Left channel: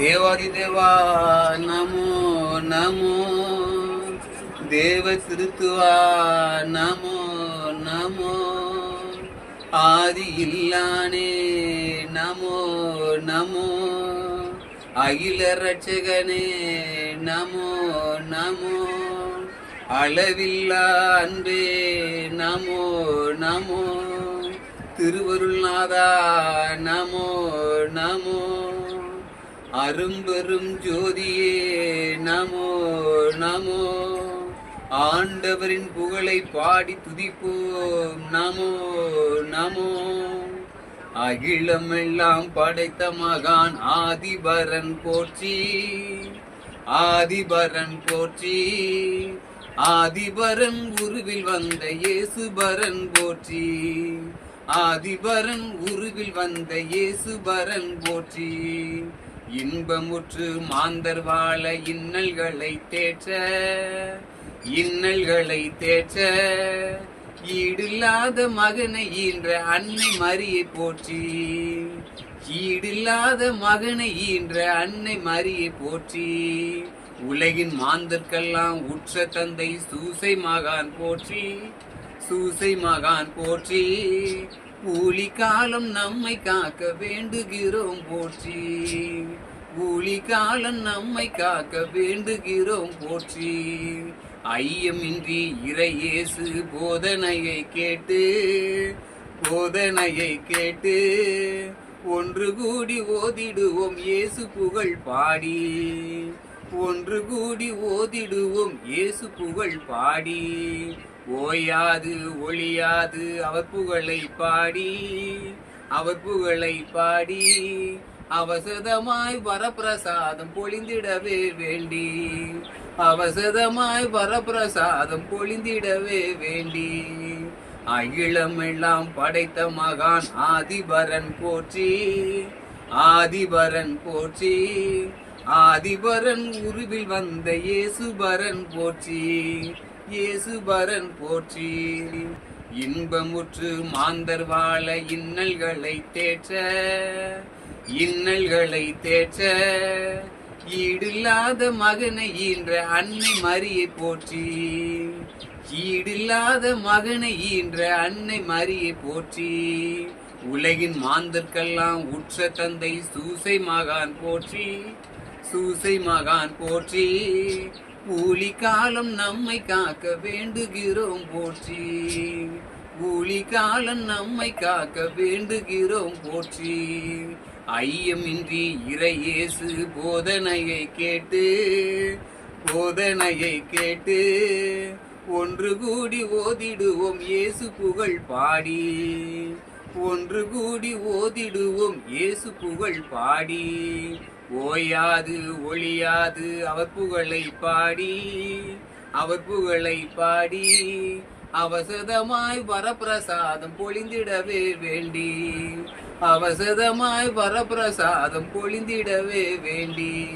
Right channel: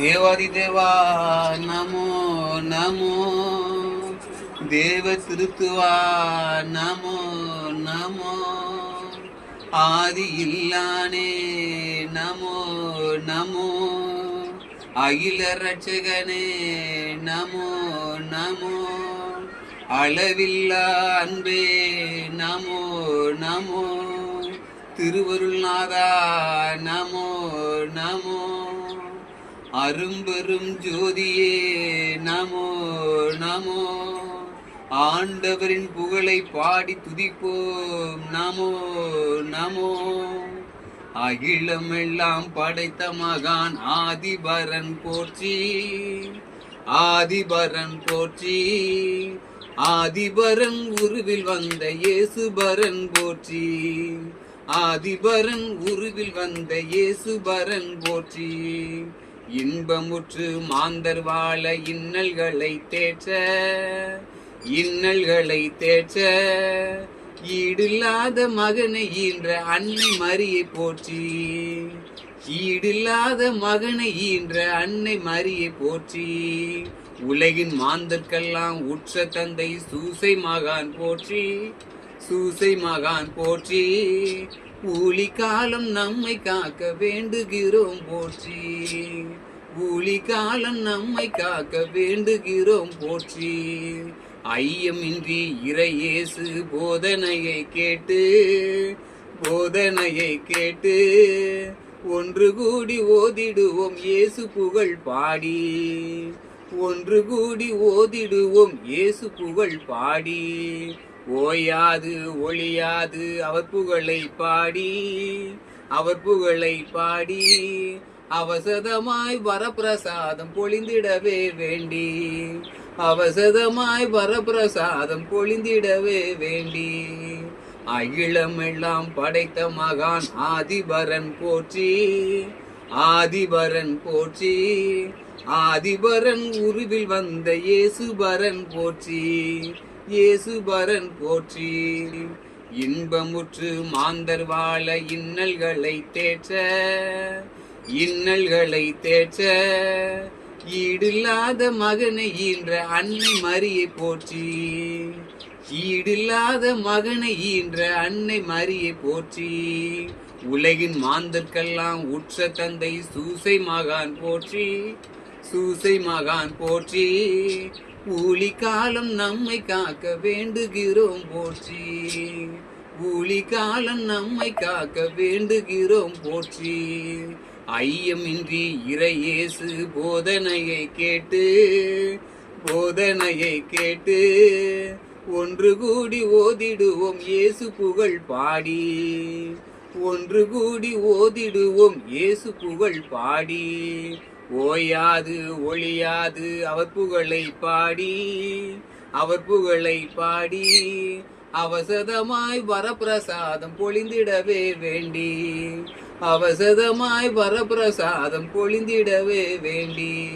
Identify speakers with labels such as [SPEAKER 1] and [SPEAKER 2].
[SPEAKER 1] தேவாதி தேவா நமோ நமோ. தேவ திருத்துவா நமோ நமோ. ஆதி இல்லானே நமோ நமோ. அகில ரட்சகனே நமோ நமோ. அளவில்லா அன்பே நமோ நமோ. திருவருள்நாதா நமோ நமோ. அரும்பெரும் ஜோதியே நமோ நமோ. ஆண்டவரின் புகழை பாடி துதிப்போம் நமோ நமோ. அகிலம் எல்லாம் படைத்த மகான் ஆதிபரன் போற்றி ஆதிபரன் போற்றி. ஆதிபரன் உருவில் வந்த இயேசுபரன் போற்றி ஆதிபரன் உருவில் வந்த இயேசுபரன் போற்றி. இன்பமுற்று மாந்தர் வாழ இன்னல்களை தேற்ற இன்னல்களை தேற்ற. ஈடில்லாத மகனை ஈன்ற அன்னை மரியை போற்றி ஈடில்லாத மகனை ஈன்ற அன்னை மரியை போற்றி. உலகின் மாந்தர்க்கெல்லாம் உற்ற தந்தை சூசை மகான் போற்றி சூசை மகான் போற்றி. ஊழி காலம் நம்மை காக்க வேண்டுகிறோம் போற்றி. ஊழி காலம் நம்மை காக்க வேண்டுகிறோம் போற்றி. ஐயமின்றி இறையேசு போதனையை கேட்டு போதனையை கேட்டு ஒன்று கூடி ஓதிடுவோம் இயேசு புகழ் பாடி. ஒன்று கூடி ஓதிடுவோம் இயேசு புகழ் பாடி. ஓயாது ஒளியாது அவர் புகழை பாடி அவர் புகழை பாடி அவசதமாய் வரப்பிரசாதம் பொழிந்திடவே வேண்டி அவசதமாய் வரப்பிரசாதம் பொழிந்திடவே வேண்டி. அகிலமெல்லாம் படைத்த மகான் ஆதிபரன் போற்றி ஆதிபரன் போற்றி ஆதிபரன் உருவில் வந்த இயேசுபரன் போற்றி. இயேசுபரன் போற்றி. இன்பமுற்று மாந்தர் வாழ இன்னல்களை தேற்ற. இன்னல்களை தேற்ற. ஈடில்லாத மகனை ஈன்ற அன்னை மரியை போற்றி. ஈடில்லாத மகனை ஈன்ற அன்னை மரியை போற்றி. உலகின் மாந்தற்கெல்லாம் உற்ற தந்தை சூசை மகான் போற்றி. சூசை மகான் போற்றி. ஊழி காலம் நம்மை காக்க வேண்டுகிறோம் போற்றி. ஊழி காலம் நம்மை காக்க வேண்டுகிறோம் போற்றி. ஐயமின்றி இறையேசு போதனையை கேட்டு போதனையை கேட்டு ஒன்று கூடி ஓதிடுவோம் இயேசு புகழ் பாடி. ஒன்று கூடி ஓதிடுவோம் இயேசு புகழ் பாடி. ஓயாது ஒளியாது அவர் புகழை பாடி அவர் புகழை பாடி அவசதமாய் வரப்பிரசாதம் பொழிந்திடவே வேண்டி அவசதமாய் வரப்பிரசாதம் பொழிந்திடவே வேண்டி.